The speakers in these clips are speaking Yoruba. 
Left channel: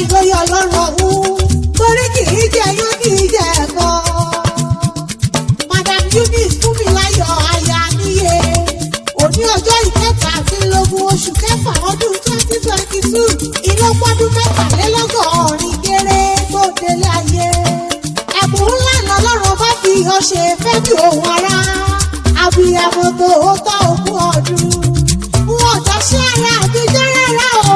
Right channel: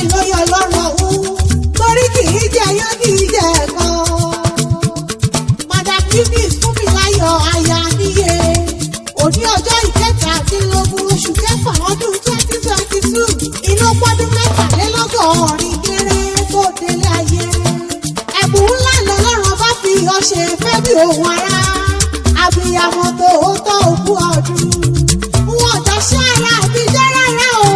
ìlóye ọlọ́run ọ̀hún torí kì í jẹ yán kì í jẹ ẹ̀kọ́. Madam Eunice Fúnmiláyọ̀ aya níye òní ọjọ́ ìkẹtàdínlógún oṣù kẹfà ọdún 2022 ìlọ́pọ̀dún mẹ́tàlélọ́gọ́rin géré tó délé ayé. Ẹ̀bùn ńlá lọ́lọ́run bá fi ọ ṣe fẹ́ bí òun ara abiyamọ tòótọ́ òkú ọdún. Wọ́n jọ ṣe ara àbíjọ́ rárá o.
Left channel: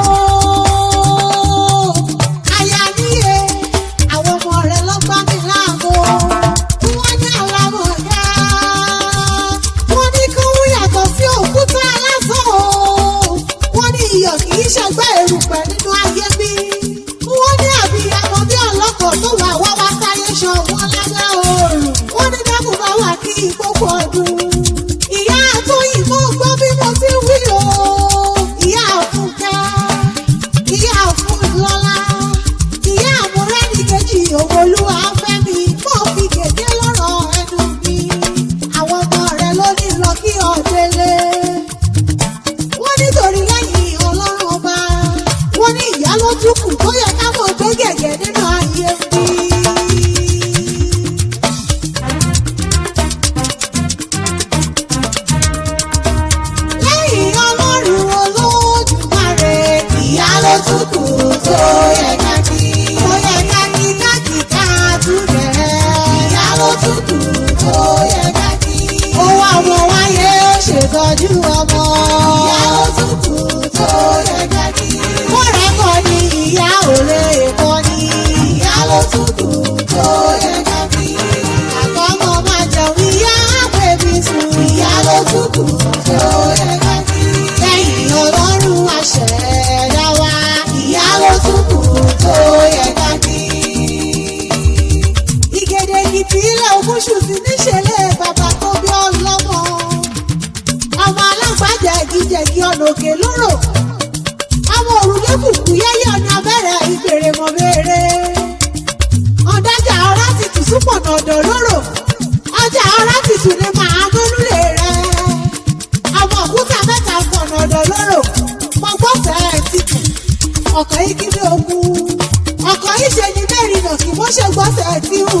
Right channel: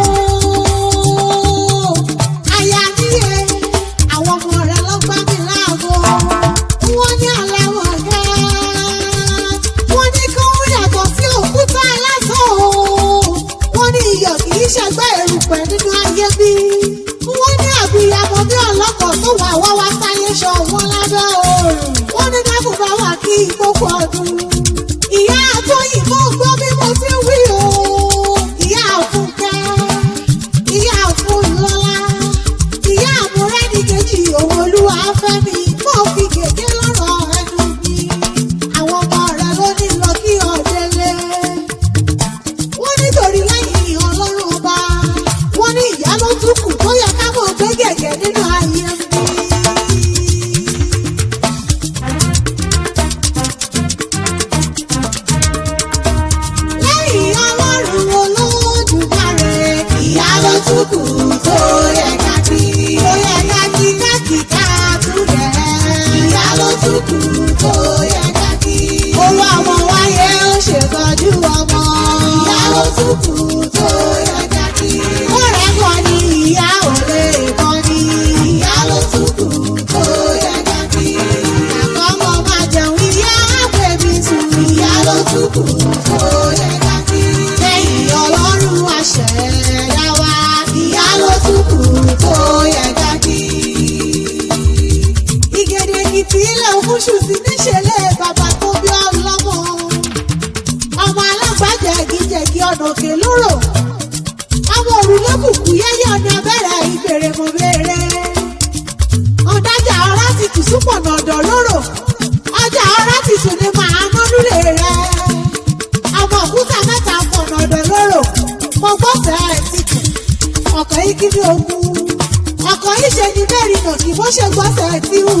Aya níye àwọn ọmọ rẹ̀ lọ́gbà mi láàbò. Wọ́n ní àlàmọ̀ yá. Wọ́n ní kí wọ́n yàtọ̀ sí òkúta lásán o. Wọ́n ní iyọ̀ kì í ṣẹgbẹ́ erùpẹ̀ nínú ayé bí. Wọ́n ní àbíyamọ bí ọlọ́kọ̀ tó wà wá wá sáyé ṣọ wọn lábẹ́ òòrùn. Wọ́n ní dákun bá wà kí ìgbókò ọdún. Ìyá àtọ́yìn mọ́ gbọ́ bí mo ti wí o. Ìyá àfúnkẹ́, ìyá àfúnlọ́lá, ìyá àmúrẹ́nìkejì òun olúwa fẹ́mi mọ́ fi gègé lọ́rọ̀ ẹnu mi. Àwọn ọmọ rẹ̀ ló ní lọ kí ọ délé. Wọ́n nítorí lẹ́yìn ọlọ́run ọba. Wọ́n ní ìyá ló tún kù tó yẹ ká mọ̀ gbé gẹ̀gẹ̀ nínú ayé mi. Lẹ́yìn ọlọ́run olódùmarè, ìyá ló tún kù tó yẹ ká kí. Tó yẹ ká kí ká tún gẹ̀. Ìyá ló tún kù tó yẹ ká kí. Ó wá ọmọ wáyé ó ṣètọ́jú ọmọ. Ìyá ló tún kù tó yẹ ká kí. Ó rẹ̀ kọ́ ni ìyá ò lè kọ́ ni. Ìyá ló tún kù tó yẹ ká kí. Àkọ́mọ máa jẹun ìyá àpèbí sùn. Ìyá ló tún kù tó yẹ ká kí. Lẹ́yìn ọlọ́run àṣẹ̀dá wa. Ìyá ló tún kù tó yẹ ká kí. Ìgèdè Èkìtì ilẹ̀ Ògúnṣù sí níṣẹ̀lẹ̀ bàbá tó bí ọlọ́mọ. Ọmọ alágbàjẹ̀gìjẹ̀gì ọ̀nà òkè lóró. Ọmọ òrùlé kùkù yẹ́yẹ́ ọ̀nà abẹ́rẹ́ ìbèrè mọ̀ béèrè. Ọ̀dájà ọ̀rá ti tù súpọ̀nà ọ̀dọ̀ lóró. Ọjà ọ̀rá ti tù ní màá mọ́núlé rẹ̀. Ọmọ òkúta mẹ́ta pọ̀nà ọ̀dọ̀ lóró. Mo gbọ́fẹ̀ ti kù. Ọkọ̀ yìí kí ni ogun. Ọkọ̀ yìí ṣe ni mẹ́rin nà kí wọ́n ṣe gbọ́fẹ̀ ti hù.